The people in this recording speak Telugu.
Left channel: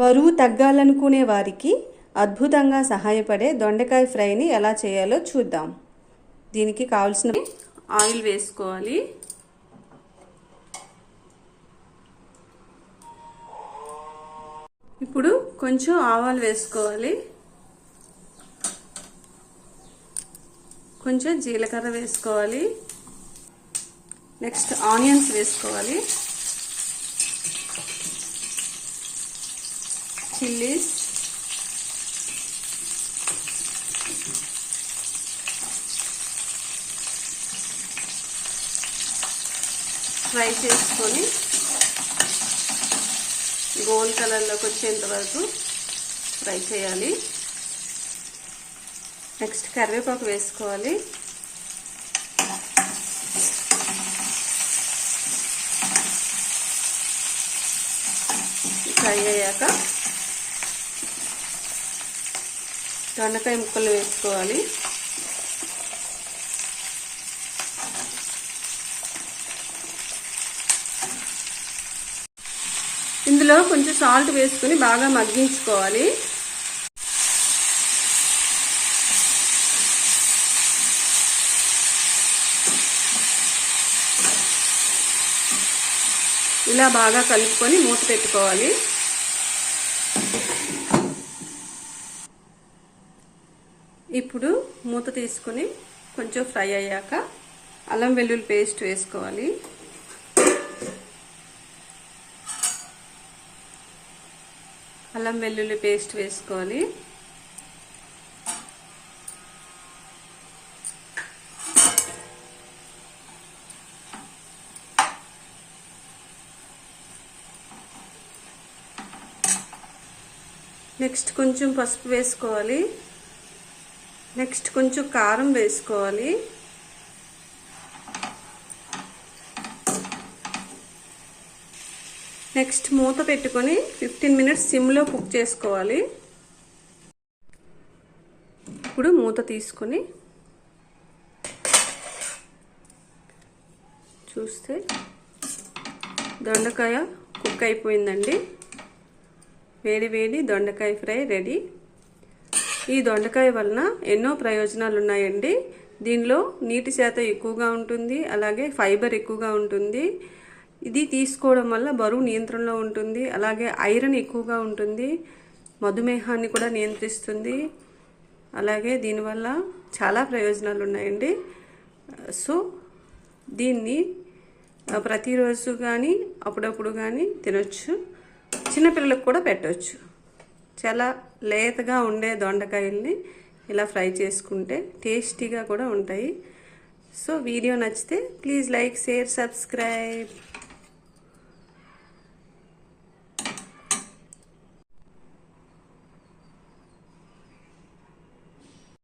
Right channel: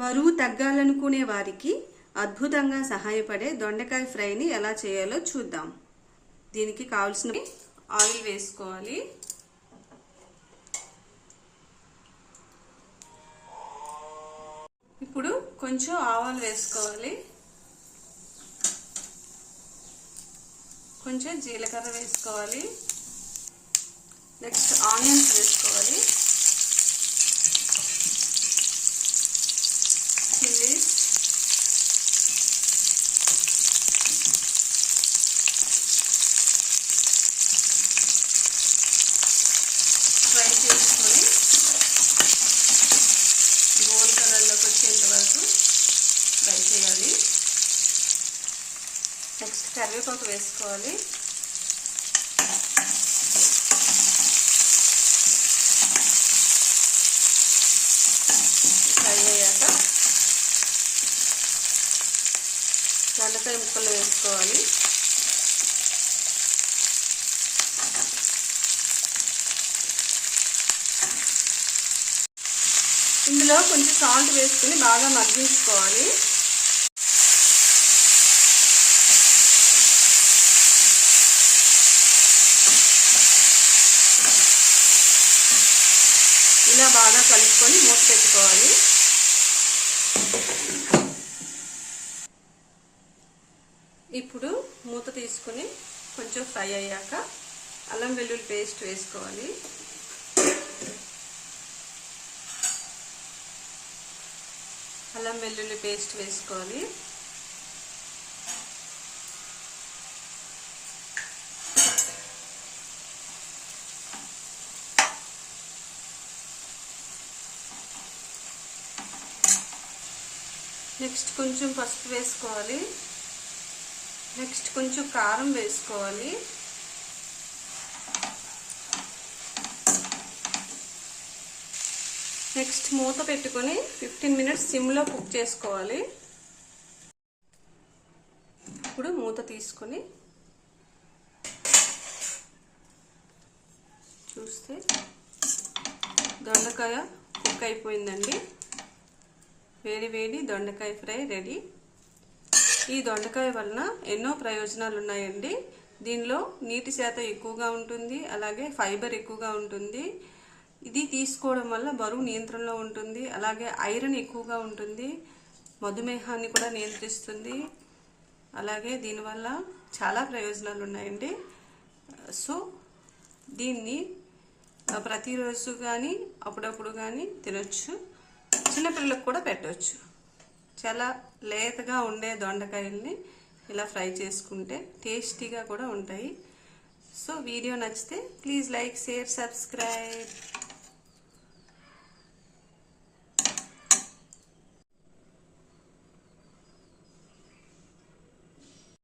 బరువు తగ్గాలనుకునే వారికి అద్భుతంగా సహాయపడే దొండకాయ ఫ్రైని ఎలా చేయాలో చూద్దాం. దీనికి కావాల్సిన ఆయిల్ వేసుకోవాలి. ఇప్పుడు కొంచెం ఆవాలు వేసుకోవాలి, కొంచెం జీలకర్ర వేసుకోవాలి, నెక్స్ట్ ఆనియన్స్ వేసుకోవాలి, చిల్లీస్, ఫ్రై చేసుకొని గోల్డ్ కలర్లోకి వచ్చేంత వరకు ఫ్రై చేయాలి. నెక్స్ట్ కరివేపాకు వేసుకోవాలి, ఫ్రై అయ్యాక దొండకాయ ముక్కలు వేసుకోవాలి. ఇందులో కొంచెం సాల్ట్ వేసుకుని బాగా మగ్గించుకోవాలి. ఇలా బాగా కలుపుకొని మూత పెట్టుకోవాలి. ఇప్పుడు మూత తీసుకుని కొంచెం ఫ్రై అయ్యాక అల్లం వెల్లుల్లి పేస్ట్ వేసుకోవాలి. అల్లం వెల్లుల్లి పేస్ట్ వేసుకోవాలి. నెక్స్ట్ కొంచెం పసుపు వేసుకోవాలి. నెక్స్ట్ కొంచెం కారం వేసుకోవాలి. నెక్స్ట్ మూత పెట్టుకొని 15 మినిట్స్ సిమ్లో కుక్ చేసుకోవాలి. ఇప్పుడు మూత తీసుకొని చూస్తే దొండకాయ కుక్ అయిపోయిందండి. వేడి వేడి దొండకాయ ఫ్రై రెడీ. ఈ దొండకాయ వలన ఎన్నో ప్రయోజనాలు ఉన్నాయండి. దీనిలో నీటి శాతం ఎక్కువగా ఉంటుంది, అలాగే ఫైబర్ ఎక్కువగా ఉంటుంది. ఇది తీసుకోవడం వల్ల బరువు నియంత్రణలో ఉంటుంది, అలాగే ఐరన్ ఎక్కువగా ఉంటుంది, మధుమేహాన్ని కూడా నియంత్రిస్తుంది. అలాగే దీనివల్ల చాలా ప్రయోజనాలు ఉన్నాయండి. సో దీన్ని ప్రతిరోజు కానీ అప్పుడప్పుడు కానీ తినొచ్చు, చిన్నపిల్లలకు కూడా పెట్టవచ్చు. చాలా లేతగా ఉండే దొండకాయల్ని ఇలా ఫ్రై చేసుకుంటే టేస్టీగా కూడా ఉంటాయి. సో వీడియో నచ్చితే ప్లీజ్ లైక్, షేర్, సబ్స్క్రైబ్.